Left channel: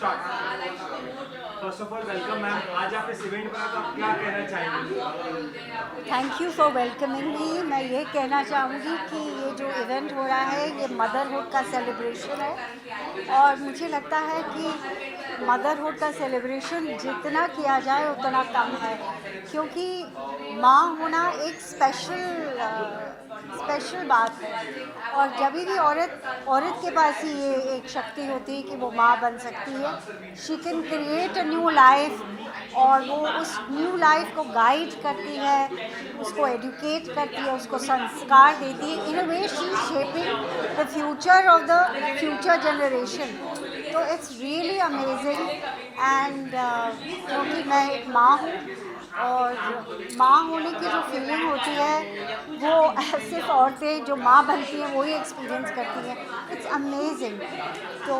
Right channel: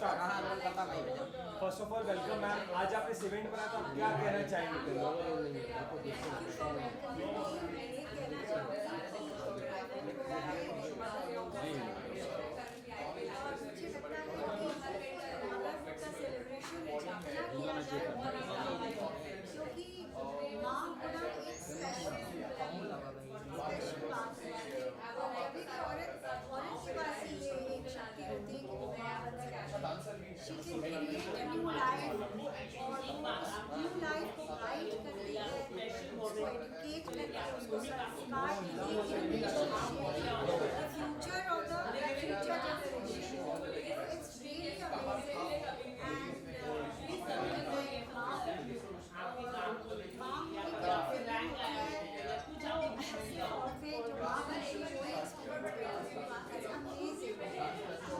First of all welcome ma'am, आज आप इस इवेंट पर हैं तो आप क्या कहना चाहेंगे? थैंक यू फॉर वेलकमिंग मी। मैं ये कहना चाहूँगी कि ये जो इवेंट हो रहा है ये मदरहुड का सेलिब्रेशन है और मुझे लगता है कि मदरहुड का सेलिब्रेशन जितना किया जाए उतना कम है, क्योंकि माँ होना एक स्पेशल बात है। और जब भी औरत के पास ही ये एक शक्ति होती है कि वो माँ बन सकती है। She can create a new life और वो उस न्यू लाइफ को गाइड करती है, उसको एजुकेट करती है, उसको संस्कार देती है। In a way she is shaping the future of the future generation. तो इट्स रियली अमेजिंग एंड क्योंकि मैं एक माँ हूँ और माँ होने की जो फीलिंग होती है वो सिर्फ औरतें जो माँ बनती हैं वो ही एक्सपीरियंस करती हैं। It's amazing. तो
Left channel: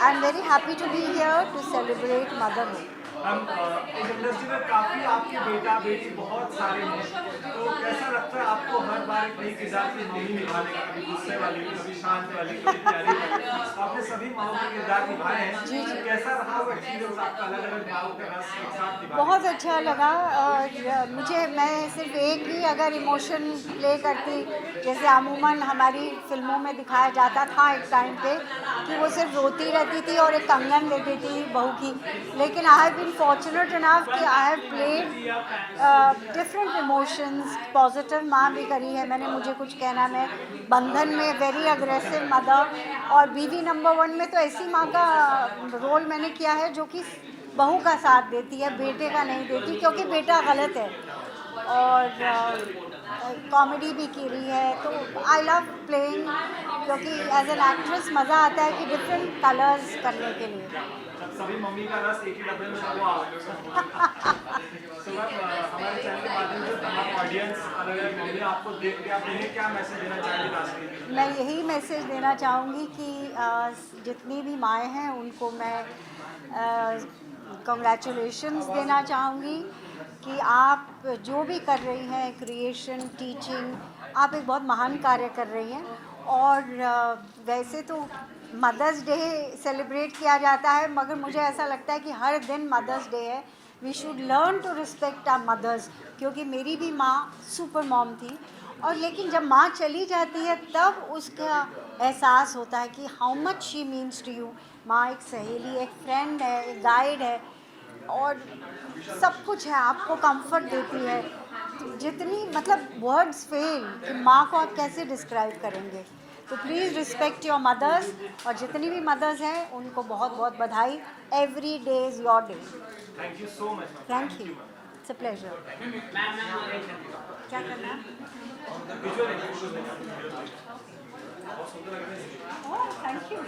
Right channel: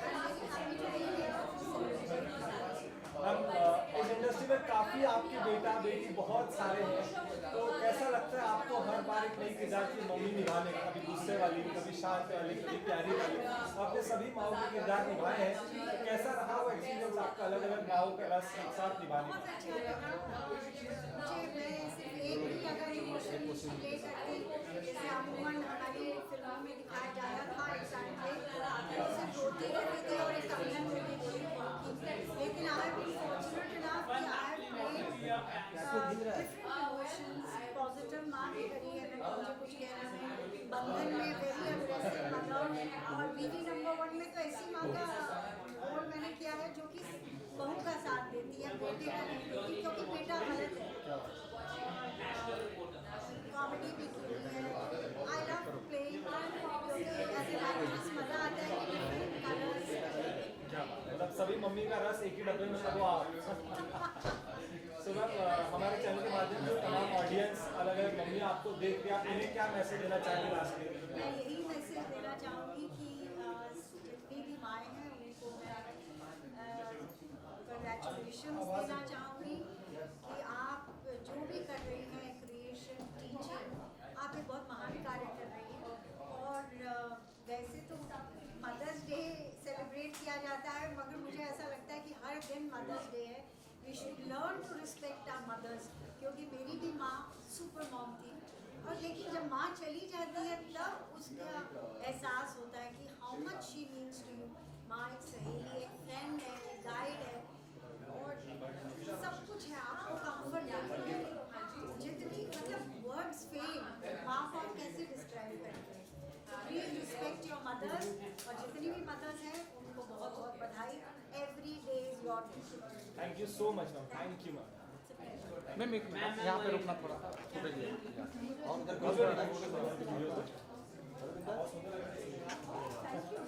I am very happy to be here to celebrate motherhood. Ma'am, इस इंडस्ट्री में काफ़ी आपके बेटा बेटी बहुत सारे हैं, तो कैसा लगता है आपको हर बार एक नई किरदार की मम्मी निभाने का? कभी गुस्से वाली, कभी शांत वाली, कभी प्यारी वाली, आपने सभी माओ के किरदार निभाए हैं। जी तो जी, कैसा रहा वो एक्सपीरियंस आपका अलग अलग माओ का रस एक साथ निभाने बहुत का? अच्छा लगा। और मैं सिर्फ एक ही अगर इमोशन प्ले करती, जैसे अमूमन हमारी फिल्मों में दिखाया जाता था एक टाइम पे कि वो सिर्फ रोती रहती थी और एक कंगन लेती थी बहू की, लेकिन I have been fortunate enough कि I have played different emotions. Positive माँ भी करी है मैंने, मुझे कुछ कहना। मैं बंधन में वेरी अग्रेसिव मदर, और बीवी नंबर 1 में तो ऐसी माँ का रोल मैंने किया है जो कि बहू का साथ देती है, बेटे का नहीं देती, क्योंकि बेटा गलत है। और कॉमेडी भी की रही है। तो आई लव प्लेइंग, क्योंकि एज एन एक्ट्रेस मज़ा आता है कि डिफरेंट कलर्स करने के लिए। मतलब सभी मम्मी का रस एक ही डब्बे में सब तो मैम, हमारे चैनल के माध्यम से तमाम ऑडियंस अलग अलग मम्मी आपको देख के आप उन्हें क्या मैसेज देना चाहेंगे लास्ट में? मैं यही मैसेज देना चाहूँगी कि जितनी भी माएँ हैं उनको मैं कंग्रेचुलेशंस देना चाहूँगी कि आप जो भी कर रही हैं, क्रिएशन, टीचिंग, आप एक बहुत महान कार्य कर रही हैं। और वैसे तो मदर्स डे सेलिब्रेट किया जाता है, मगर मुझे ऐसा लगता है कि हर दिन मदर्स डे है। We should learn to respect our mothers, क्योंकि मेरी भी माँ सुपर मॉम थी। और लेकिन जब माँ चली जाती है तब उसका एहसास होता है कि how much she means to you. माँ एक सहेली, एक फ्रेंड है, एक गाइड है, और सब कुछ है, आपको कंफर्ट देती है। जितनी मतलब वर्ड्स फेल कि माँ को आप कैसे डिस्क्राइब करेंगे। तो प्लीज़ रिस्पेक्ट योर मदर्स, और जितनी भी मदर्स हैं उनको बहुत बहुत बधाई। Every day is your day. Thank you so much ma'am, thank thank you, you ma'am. It's a pleasure. क्या करना है? Oh thank you.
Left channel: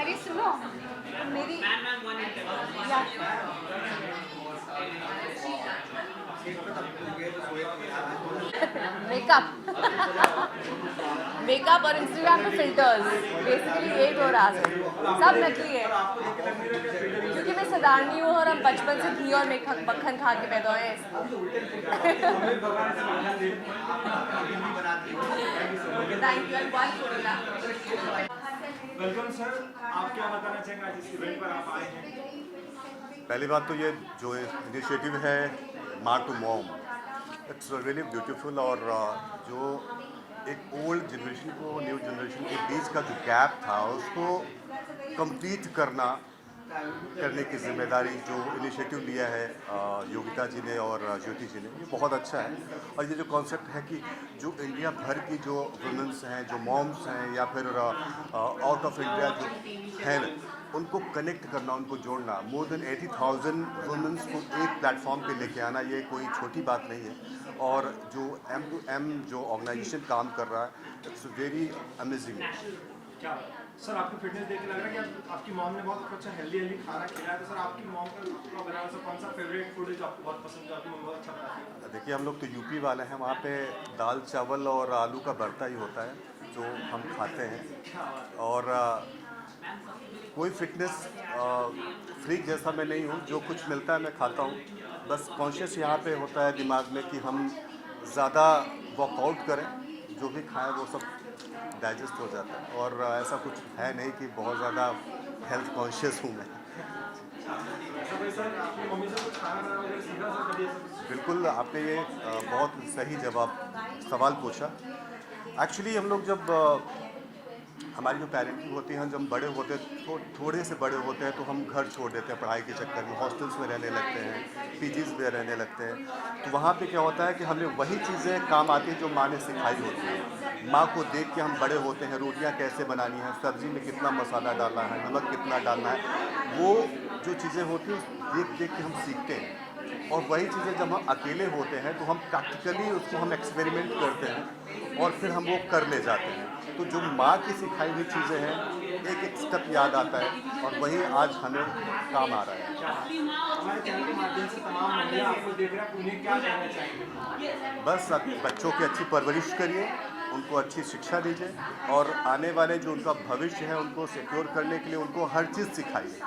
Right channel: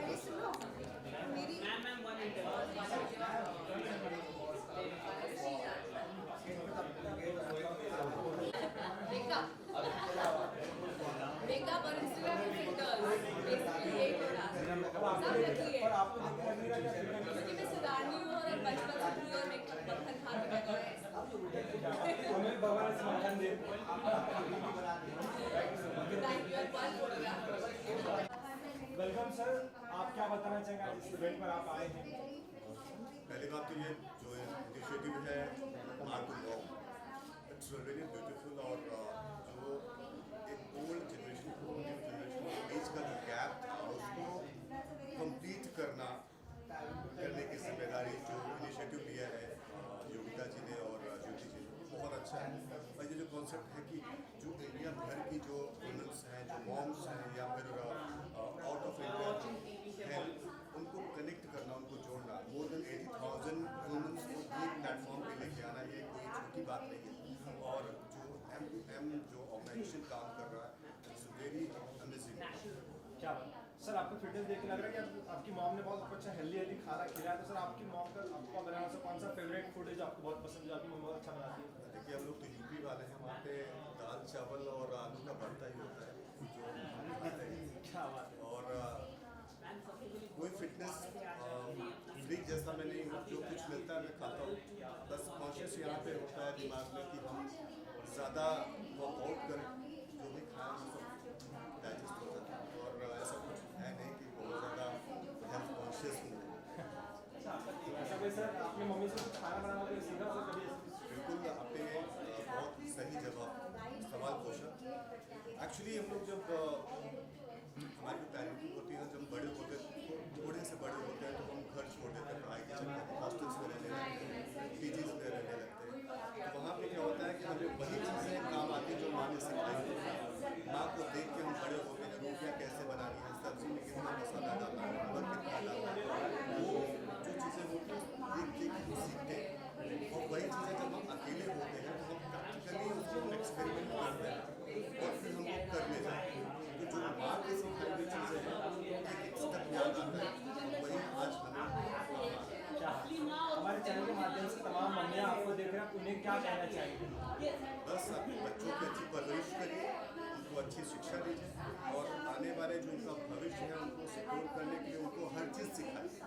अरे सुनो, मेरी मेकअप मेकअप और इंस्टाग्राम पे फिल्टर्स, बेसिकली यही हो रहा है। सब नकली है, क्योंकि मैं सदारनी हूँ और हम बचपन से घी और मक्खन खा के पैदा हुए हैं। Thank you. वेलकम सर, आप क्या बताना चाहेंगे आज इस इवेंट पर आप आए हैं? पहली बात तो ये जो इनिशिएटिव है माँ to mom, it's really beautiful. और जो एक ओल्ड जनरेशन को न्यू जनरेशन के बीच का जो गैप था उसको कंप्लीट करने की जिम्मेदारी जो इनिशिएटिव लिया है योगिता जी ने और ज्योति जी ने, ये बहुत अच्छा है। और ये जो कॉन्सेप्ट है कि जो इंडिया भर की जो वुमेंस हैं, जो मॉम्स हैं, या फिर आउट ऑफ इंडिया जो हैं, उनको कनेक्ट करना, उनको जोड़ना, मोर देन 80,000 वुमेंस को एक प्लेटफॉर्म पे लेके आना, ये कोई छोटी बात नहीं है। और जो M2M जो ऑर्गेनाइजेशन काम कर रहा है, इट्स वेरी अमेजिंग। क्या सर, आपकी फिटनेस देख के लग रहा है कि आपकी मॉम ने बहुत अच्छा हेल्दी खाना खिलाया। तो सर, आपकी मॉम का आपका बनाया हुआ कौन सा फेवरेट फूड है जो आपको बहुत पसंद है, आपकी मम्मी बहुत अच्छा बनाती है? देखिए, हम लोग तो यूपी वाले हैं, वहाँ पे दाल चावल और आलू का भरता ही होता है जो हम खाते हैं। क्या बात है। और कोई फिटनेस फ्रीक जैसा मैं नहीं हूँ, जो कुछ मिलता है मैं खाता हूँ। बस कॉन्शियस यहाँ पे होता है दिमाग में कि हम ज़्यादा वर्कआउट करें, जो भी खाएं वो सब डाइजेस्ट हो जाता है, और ऐसा कुछ है नहीं कि बहुत ज़्यादा हेल्थ कॉन्शियस हूँ मैं। ऐसा भाई सर आपने मम्मी से कुछ खाना बनाना वगैरह सीखा सर कभी ऐसा? बिल्कुल, आपने ये बहुत सही सवाल पूछा। एक्चुअली हम लोग जब हमारी जो पेरेंटिंग होती है, जब बड़े होते थोड़े से बड़े होते हैं तो हम घर छोड़ देते हैं पढ़ाई के चक्कर में, हॉस्टल्स में रहने लगते हैं, पीजीज़ में रहने लगते हैं। तो वहाँ पे क्या होता है कि हमें वही चीज़ें काम आती हैं जो माँ ने सिखाई होती है। माँ को देख के हम बड़े होते हैं, रोटियाँ कैसे बनानी है, सब्ज़ी में कितना मसाला डालना है, नमक कितना डालना है, वो जो चीज़ें होती हैं देख देख के हम सीखते हैं। और वही चीज़ें जब हम अकेले होते हैं तो हम प्रैक्टिकली उसको हम एक्सपेरिमेंट करते हैं और फिर हम वो कर ले जाते हैं। तो जो माँ की सिखाई हुई चीज़ें हैं, एक एक स्टेप याद आता है और वही आज हमें काम आ रहा है। हमारे चैनल के माध्यम से तमाम महिला आपको देख रहे हैं, उन्हें क्या कहना चाहेंगे? बस बच्चों की अच्छी परवरिश करिए, उनको अच्छी शिक्षा दीजिए और आने वाले जो उनका भविष्य है उनको सिक्योर करने के लिए उनको हर चीज़ सिखाइए।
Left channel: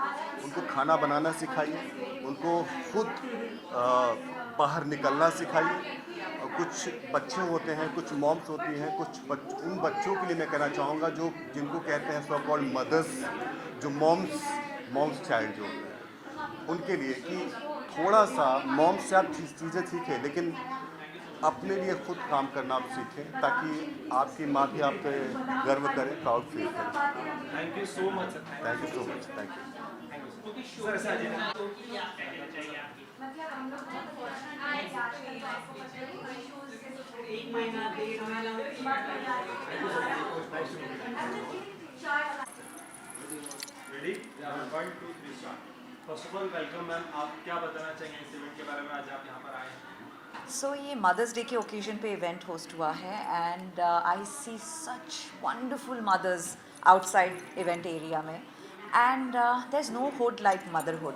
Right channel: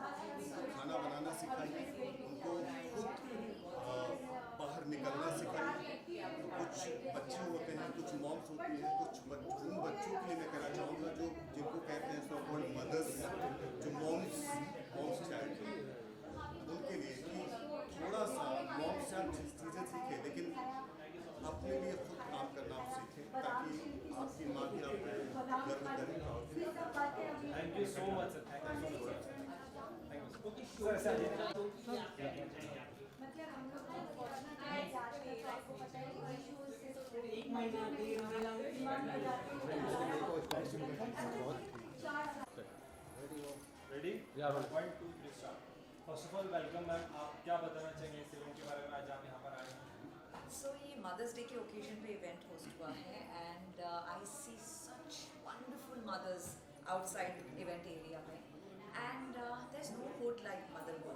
उनको खाना बनाना सिखाइए, उनको खुद बाहर निकलना सिखाइए। और कुछ बच्चे होते हैं, कुछ मॉम्स होती हैं, उन बच्चों के लिए मैं कहना चाहूँगा जो जिनको कहते हैं सो कॉल्ड मदर्स, जो मॉम्स चाइल्ड जो उनके लिए कि थोड़ा सा मॉम्स से आप चीज़ें सीखें, लेकिन अपने लिए खुद काम करना आप सीखें ताकि आपकी माँ की आप पे गर्व करें, प्राउड फील करें। Thank you so much sir. Thank you so much. Thank you. Sir ऐसे आ जाइए। Ready? 1 2 3 start. First of all welcome ma'am, आप क्या बताना चाहेंगे इस इवेंट के बारे में, आज आप यहाँ पर आए हैं? सो ये मदर्स डे के ओकेजन पे इवेंट होस्ट हुआ है and I see such wonderful mothers outside event area में and there is no hood like motherhood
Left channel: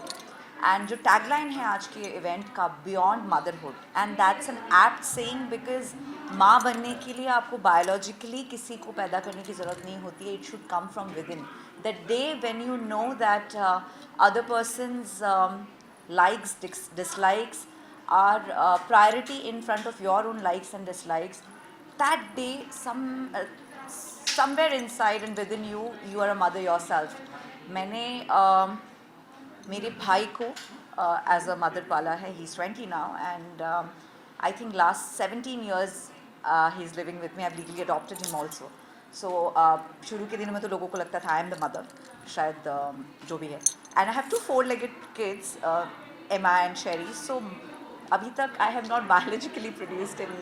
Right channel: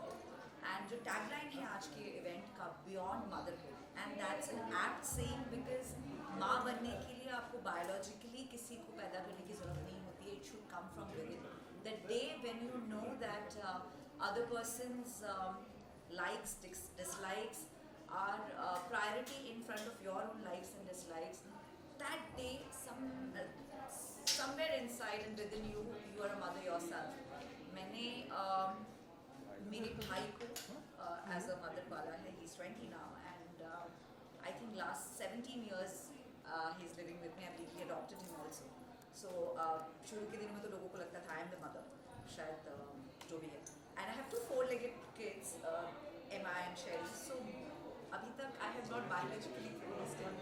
and जो टैगलाइन है आज के इवेंट का beyond motherhood and that's an apt saying because माँ बनने के लिए आपको बायोलॉजिकली किसी को पैदा करने की ज़रूरत नहीं होती है, it should come from with in that day when you know that other persons likes, dislikes are priority in front of your own likes and dislikes. That day, somewhere inside and within you, you are a mother yourself. मैंने मेरे भाई को as a mother पाला है. He's 20 now and I think last 17 years he's living with me. I've legally adopted him also. So शुरू के दिनों में तो लोगों को लगता था I am the mother. शायद जो भी है. And I have 2 4-legged kids, Emma and Sherry. So अभी तक I have not biologically produced any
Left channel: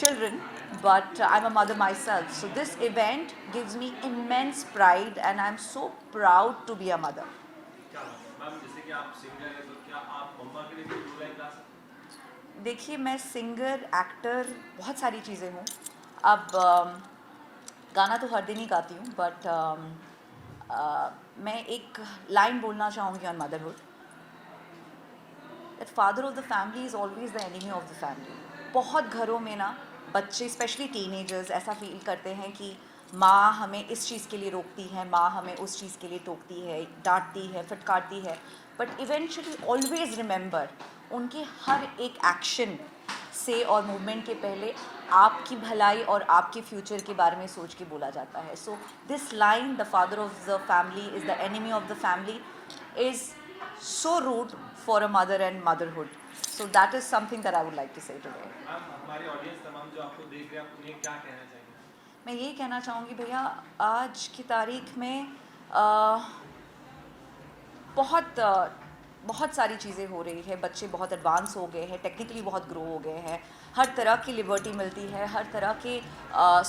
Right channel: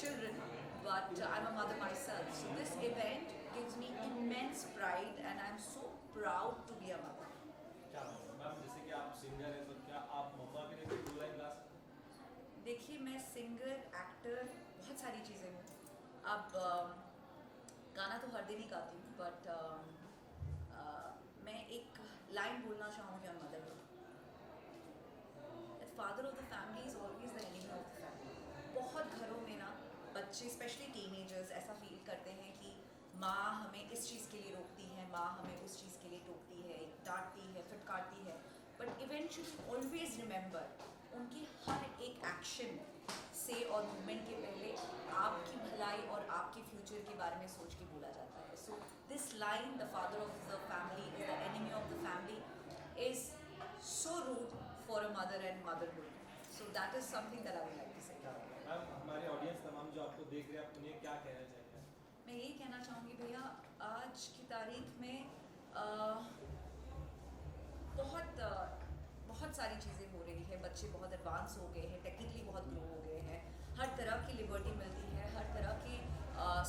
children, but I'm a mother myself. So this event gives me immense pride and I'm so proud to be a mother. क्या ma'am, जैसे कि आप singer हैं तो क्या आप मम्मा के लिए कोई 2 लाइन गा सकते हैं? देखिए मैं सिंगर, एक्टर, बहुत सारी चीज़ें हूँ. अब गाना तो हर दिन ही गाती हूँ, बट मैं एक लाइन बोलना चाहूँगी on motherhood. That father of the family is always the enemy of the family. बहुत घरों में ना बच्चे स्पेशली टीनेजर्स ऐसा फील करते हैं कि माँ हमें इस चीज़ के लिए रोकती है, माँ हमें उस चीज़ के लिए टोकती है, डांटती है, फटकारती है. बट इवेंचुअली ऑलवेज रिमेंबर उनके हर एक एक्शन से और मूवमेंट के पहले आपकी भलाई और आपके फ्यूचर के बारे में सोच के बोला जाता है. So this line, the father of the family is the enemy of the family, is so rude for a mother and motherhood. So that is something that I would like to say today. Ma'am, हमारी audience तमाम जो आपको देख रहे हैं, आप उन्हें क्या कहना चाहेंगे? मैं यही कहना चाहूँगी भैया, आज की तारीख में बहुत सारी चीज़ें हो रही है. बच्चे बहुत एडवांस हो गए हैं, टेक्निकली बहुत ग्रो हो गए हैं, हर तरह की लिबर्टी मिलती है, हर तरह की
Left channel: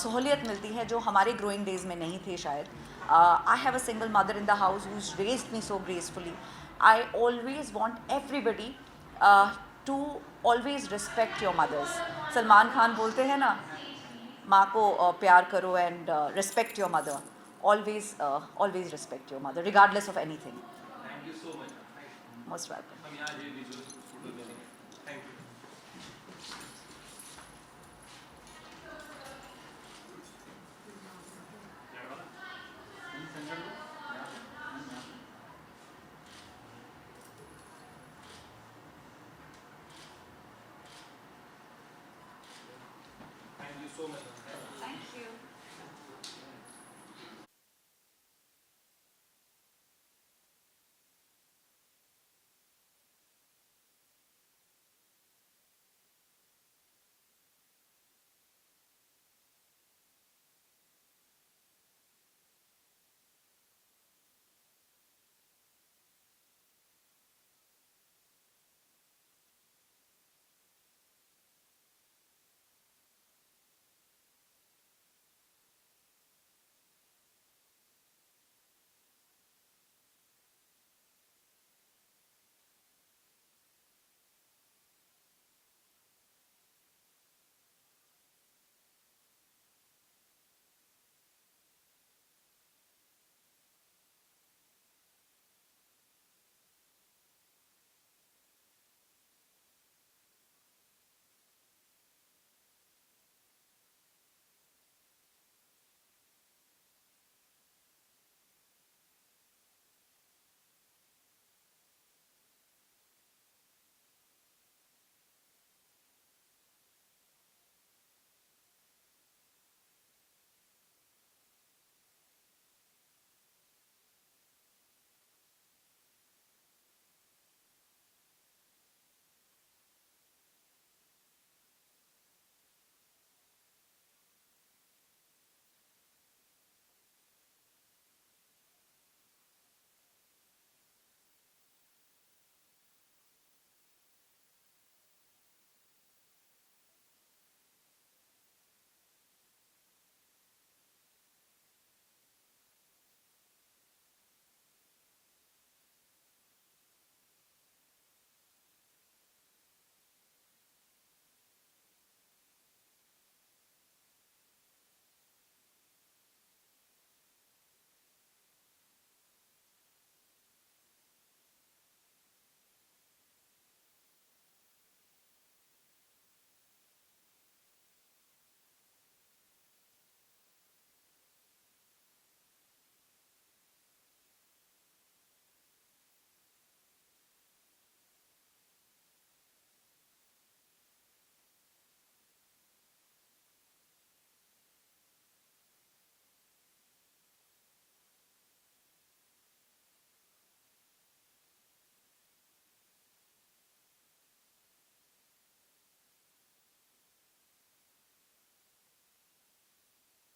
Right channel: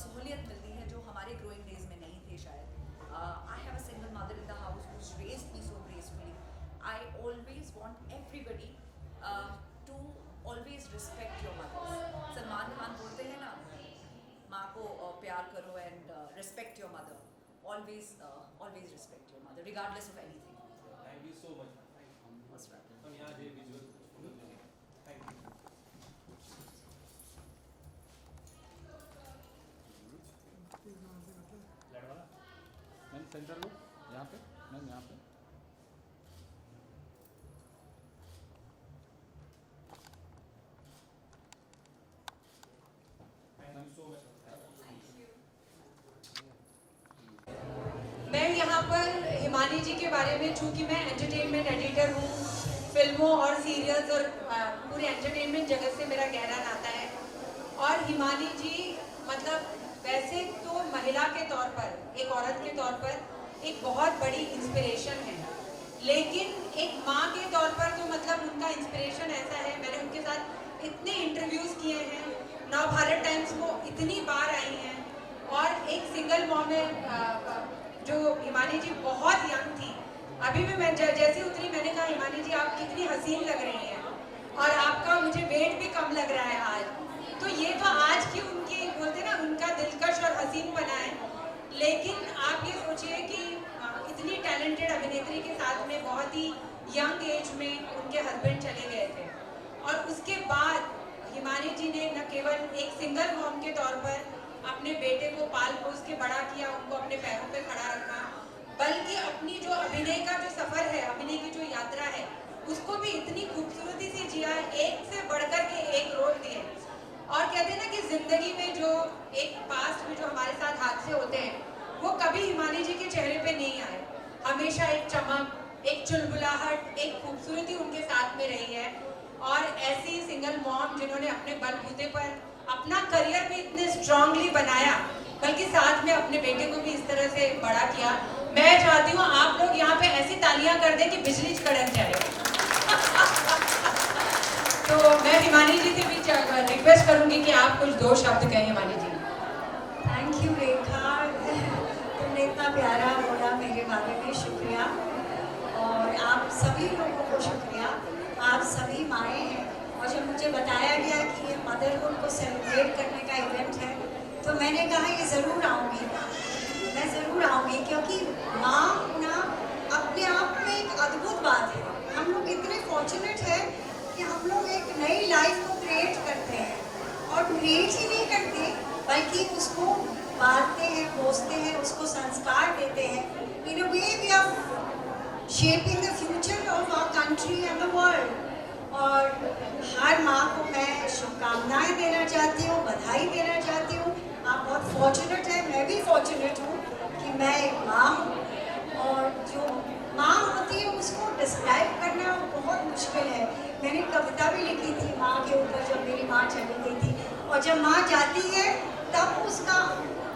सहूलियत मिलती है जो हमारे ग्रोइंग डेज़ में नहीं थे शायद. I have a single mother in the house who is raised me so gracefully. I always want everybody to always respect your mothers. Salman Khan बोलते हैं ना, माँ को प्यार करो and respect your mother. Always respect your mother regardless of anything. Thank you so much. Most welcome. हम यहाँ ये विजुअल फोटो ले लेंगे। Thank you. हिमानी जी के बारे में, चूँकि मैं एंटरटेनमेंट एडिटर हूँ, फिल्मों और सीरियल्स और पूरे एंटरटेनमेंट जगत से मेरा गहरा नाता है। और हिमानी जी मतलब वैसे तो महिला के तौर पर, एक औरत के तौर पर एक बहुत बड़ी इंस्पिरेशन है, लेकिन एक माँ के तौर पर तो मतलब उनका इंस्पिरेशन ऐसा है, मैंने उनके साथ इतने इंटरव्यूज़ किए हैं, नवभारत टाइम्स को इतनी बार आई हैं। और एक सिंगल मॉम है जो हिमानी जी बहुत यंग थी, अभी भी मैं जैसे उतरी मैंने कहा हिमानी जी आप कितनी हसीन लग रही हैं और आपका मुझे वेट भी कम लग रहा है आज। तो ये तो आज की उनकी बोलते ना उनका दिलकश और हसीन बना है, लेकिन आप ये सोचिए कि इतनी टैलेंटेड अभिनेत्री के साथ में बहुत ही यंग एज में उनके हस्बैंड चले गए थे और उसके बाद हिमानी जी ने न केवल एक सिंगल मॉम के तौर पर अपने बेटे को पाल पोस के बड़ा किया, उनको अपने पैरों पे खड़ा रखा, बल्कि अपनी जो अभिनय का जो सफ़र है, अभिनय की जो यात्रा है, उसको भी इतनी खूबसूरती से जिया, एक से बढ़कर के एक रोल दिए। और कहते हैं ना कि ज़िंदगी में जो एक पास्ट में जो हमारे साथ हादसे होते हैं वो कभी हिमानी जी के चेहरे पे नहीं आए, हमेशा एक चमक, एक चुलबुलाहट, एक खूबसूरती उनके साथ में रही है। और ऐसी सिंगल मॉम जिन्होंने अपने बलबूते पर अपना करियर भी इतने स्ट्रांगली बनाया, बल्कि साथ में अपने बेटे को भी इस तरह से बड़ा किया। मैं चाहती हूँ आप लोग यहाँ पे ऐसी तालियां कर दें कि बिजली कड़क जाए। तो मैं हिमानी जी से भी रिक्वेस्ट करूँगी कि आप कुछ दो शब्द कहें हिमानी जी। थैंक यू रेखा, तुमने इतना प्यारा बोला मेरे बारे में, शुक्रिया। और आप सभी लोगों को शुक्रिया, आप सभी माएँ हैं। और जब मुझे बताया गया कि ये मदरहुड को सेलिब्रेट करने का इवेंट है तो मैंने कहा ये ज़रूर आऊँगी, मैं ज़रूर आऊँगी, क्योंकि माँ होना अपने आप में एक अद्भुत बात है। हम लोग इतने फॉर्चुनेट हैं कि हम लोग एक नई लाइफ को क्रिएट करते हैं, और क्रिएट ही नहीं करते बल्कि उसको पालते हैं, पोसते हैं, उसको संस्कार देते हैं। In a way we are shaping the future of our country and the world. और हर माँ को मैं शुभकामनाएं देना चाहती हूँ, बधाई देना चाहती हूँ। आप बहुत फॉर्चुनेट हैं, मैं भी फॉर्चुनेट हूँ कि मैं एक माँ हूँ। और जो माँ होती है उसको डिस्क्राइब करना बहुत मुश्किल है। मैंने कविता भी लिखी थी माँ के ऊपर, जब मेरी माँ चली गई थी। और जब माँ जाती है तब उसका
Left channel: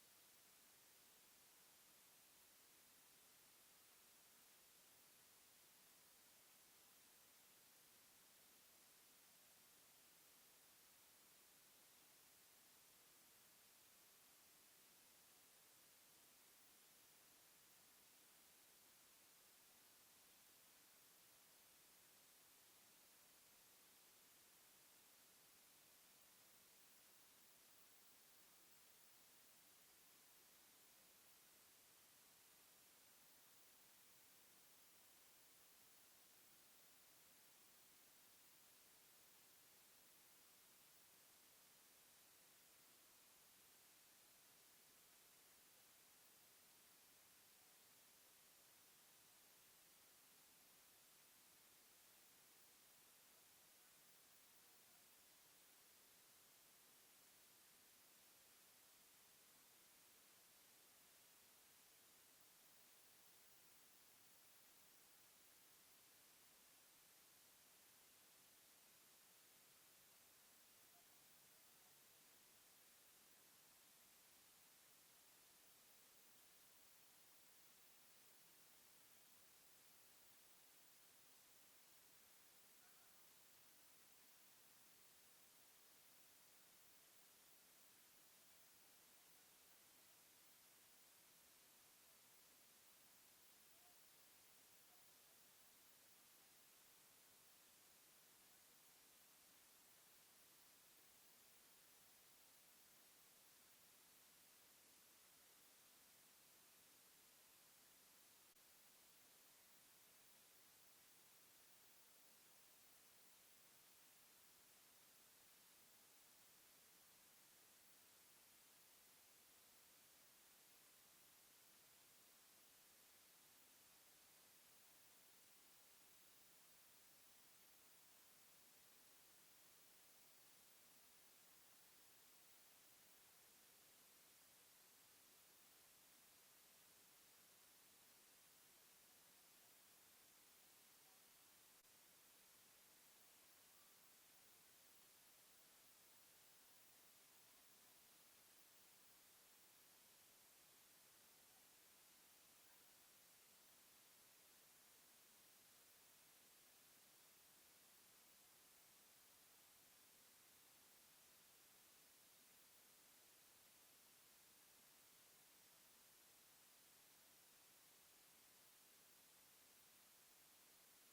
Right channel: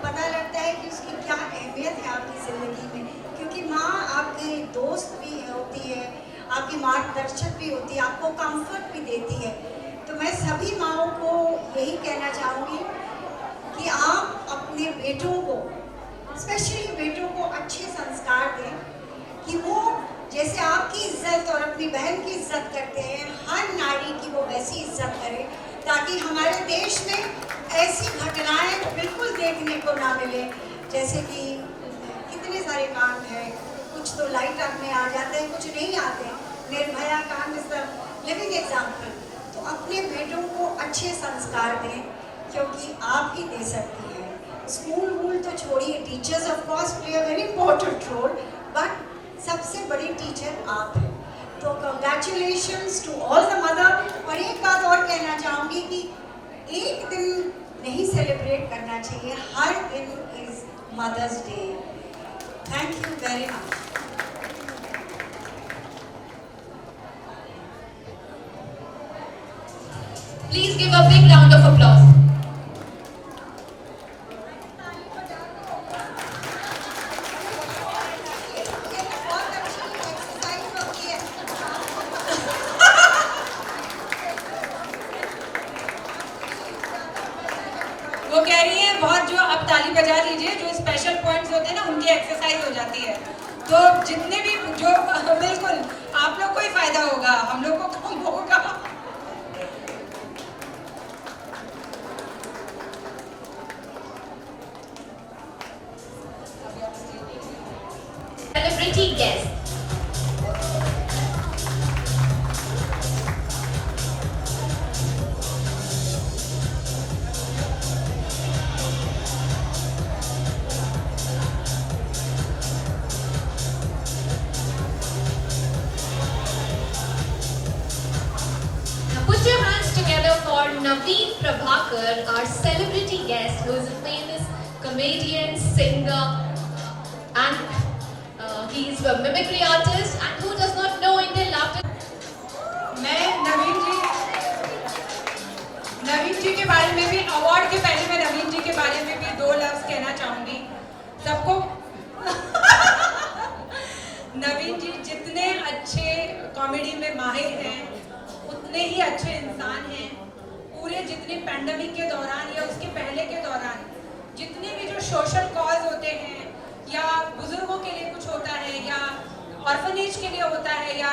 पता लगता है कि उसकी क्या अहमियत है आपकी ज़िंदगी में, क्योंकि माँ आपकी दोस्त भी होती है, आपकी मार्गदर्शक भी होती है, आपको कंफर्ट भी देती है। तो मैं सभी माँओं को यही कहना चाहूँगी कि आप अपने बेटों को, स्पेशली बेटों को अच्छे संस्कार दें कि वो जैसे आपकी इज्जत और अपनी बहन की इज्जत करते हैं, हर नारी की वो वैसी इज्जत करें, ताकि हमारे देश में ऐसी घटनाएं बिल्कुल देखने को ना मिले। जैसे कि कितने सारे कांड हैं, कुछ तो लाइट अप में आ जाते हैं, कुछ नहीं आते। निर्भया कांड इज द लिविंग एग्जाम्पल। तो अपने बेटों को अच्छे संस्कार दें, क्योंकि आप ही दे सकती हैं। स्कूल वूल तो छोड़िए, teachers of course play a very important role, but सबसे बड़ी टीचर आप हैं। तो congratulations to all the mother. और एक बात और कहना चाहूँगी कि एक दिन नहीं सेलिब्रेट करना चाहिए, हर दिन is mothers day. Thank you very much. Please give a big round of applause. वो कह रही है बहुत, जो अब ताली बजा लीजिए, जो स्पेशल पॉइंट्स होते हैं ना उनकी एक्सरसाइज हो जाती है। तो जितने भी जो बिल्कुल आप लोग को ही फायदा होगा, हम लोग को कम होगा। Celebrity guest. Now put your hands together for Naveen Prabhakar, our celebrity guest, who is a famous comedian, singer, and He's a mimicry artist, and who does not know Indian laughter? मैं नवीन जी के बारे में भी, award के पहले मैं नवीन जी के बारे में भी 2 लफ्ज कहना चाहूँगी सबको। नवीन जी जितने अच्छे कॉमेडी में माहिर हैं, उतने ही अच्छे इंसान हैं। पूरे जितने पैंडेमिक के दौरान या उसके पहले के दौरान जितने भी जो सोशल कॉज होते हैं, या बुजुर्गों के लिए कुछ होता है, या ऑर्फनेज के लिए होता है, या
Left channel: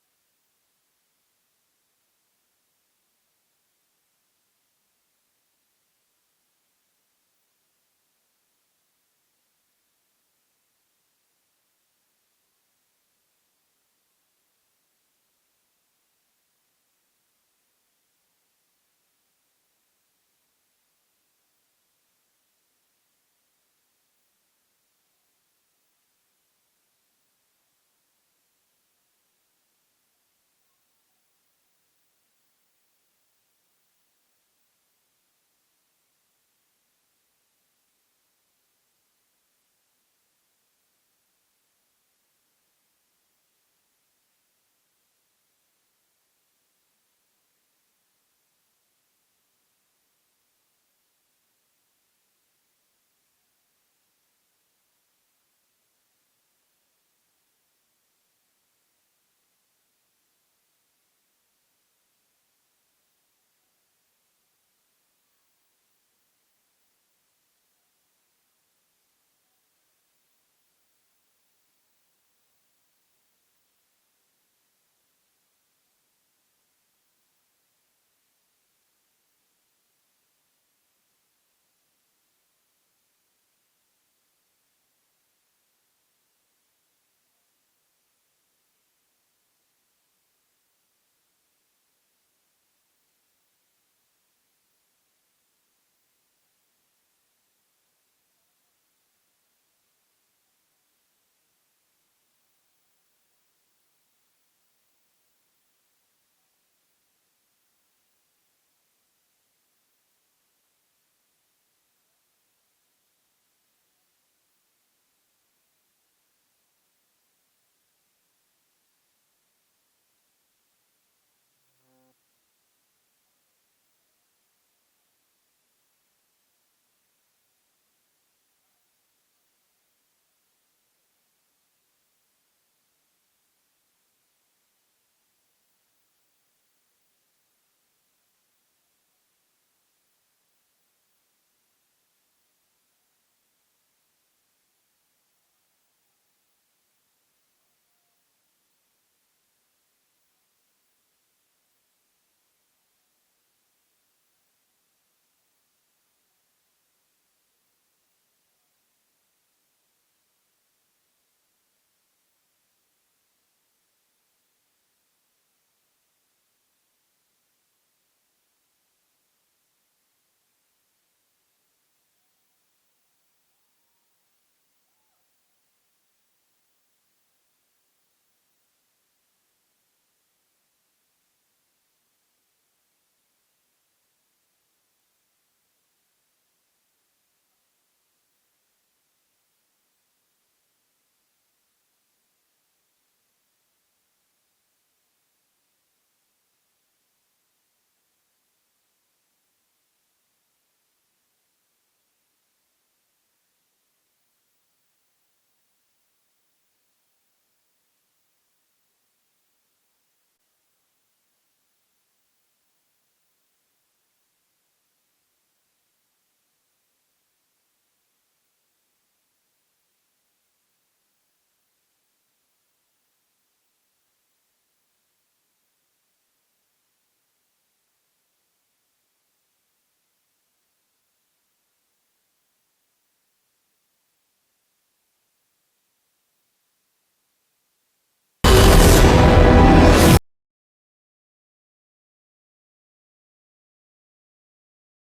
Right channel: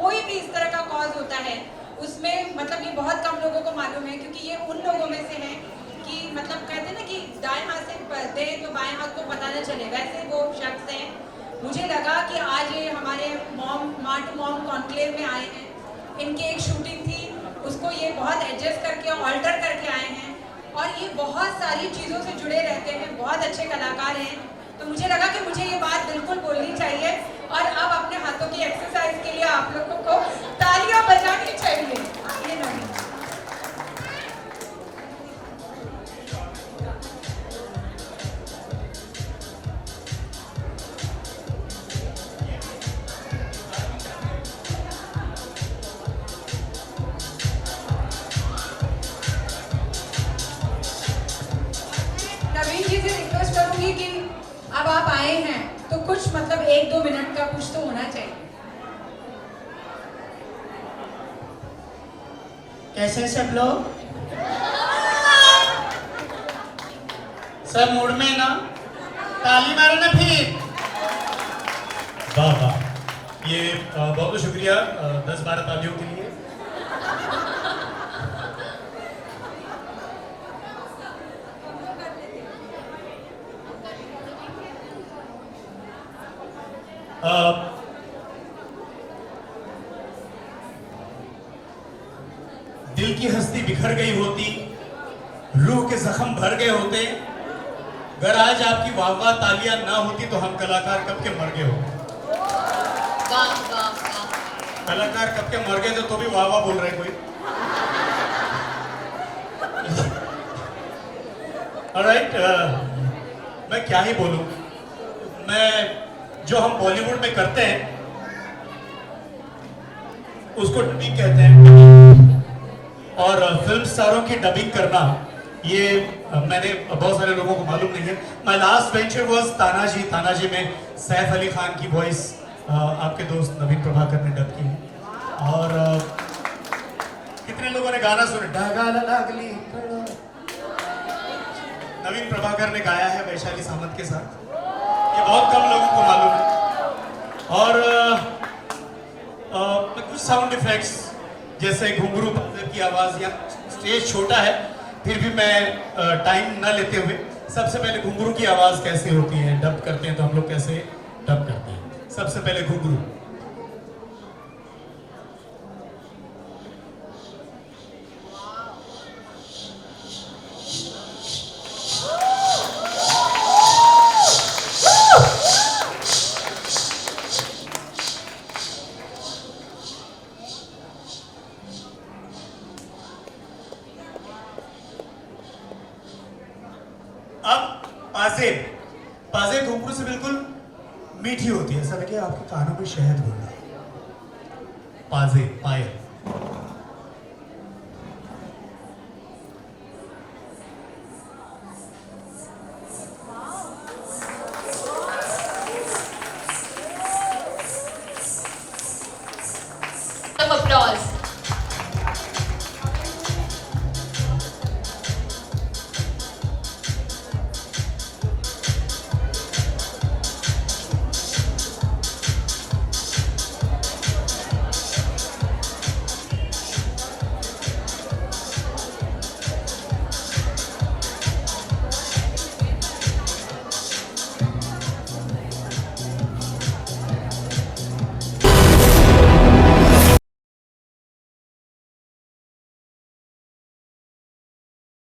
कोई भी इस तरह का कॉज होता है, उसमें मतलब ये बहुत कम लोगों को मालूम है, क्योंकि ये उन लोगों में से हैं कि मतलब कहते हैं ना कि दाएं हाथ से दे तो बाएं हाथ को पता न चले, वैसे वो शख्स हैं। मुझे लगा कि आज ये हमारे माँ टू मॉम कॉन्क्लेव में आए हैं, इनकी एक शूटिंग थी, उसको ये बहुत एडजस्ट करके ऑल्टर करके आए हैं, और ये बहुत सारी चीज़ों से जुड़े रहते हैं, बहुत अच्छे कलाकार हैं। तो मुझे लगा कि मुझे ये बात बिल्कुल बोलनी चाहिए, और अब अपने हाथों की एक्सरसाइज के लिए आप लोगों को तालियां बजानी चाहिए। ये नहीं, नवीन जी से रिक्वेस्ट करूंगी कि अब आप आए हैं तो कुछ मतलब 1-2 मिनट का कुछ तो होना चाहिए। कैसे सब लोग? सब मूड में ना? ताली मारो ना फिर। वाह वाह, ये बहुत बहुत शुक्रिया 10-12 तालियों के लिए। दिल की हस्ती बिखर गई होती, रूह के जख्म भर गए होते, अगर आज आपकी वाह वाह तालियां ना होती तो हम कलाकार कब के मर गए होते। वाह वाह वाह। कलाकार कब के मर गए थे तो भी वाह वाह बोल रहे कोई। ऑलराइट, मैं क्या ही बोलूं। मैं जो हम बॉलीवुड में करते हैं उसको डबिंग कहते हैं, और फिल्म स्टारों की डबिंग करना ये मैंने बहुत सारे लोगों को मालूम नहीं है। My last venture was Tanaji. Tanaji में सैफ अली खान की वॉइस आपके दोस्त नवीन प्रभाकर ने डब की है। और कितने लोगों ने गाना सुना, ढागा लागली, नवीन प्रभाकर ने गाया है वैशाली सामंत के साथ। ये बहुत कम लोगों को मालूम है। और कुछ साउंड इफेक्ट्स जैसे घुंघरू की आवाज़, या स्टेज छोटा है फिर भी मैं टाइम ना लेते हुए सबसे पहले घुंघरू की आवाज़ कैसे होती है, डब करते हैं तो हम लोग कैसे डब करते हैं। सबसे पहले घुंघरू। पाजे घुंघरू से बिल्कुल मीठी होती है, ऐसा लगे आपके कानों में शहद घूम रहा है। पाजे, पायल।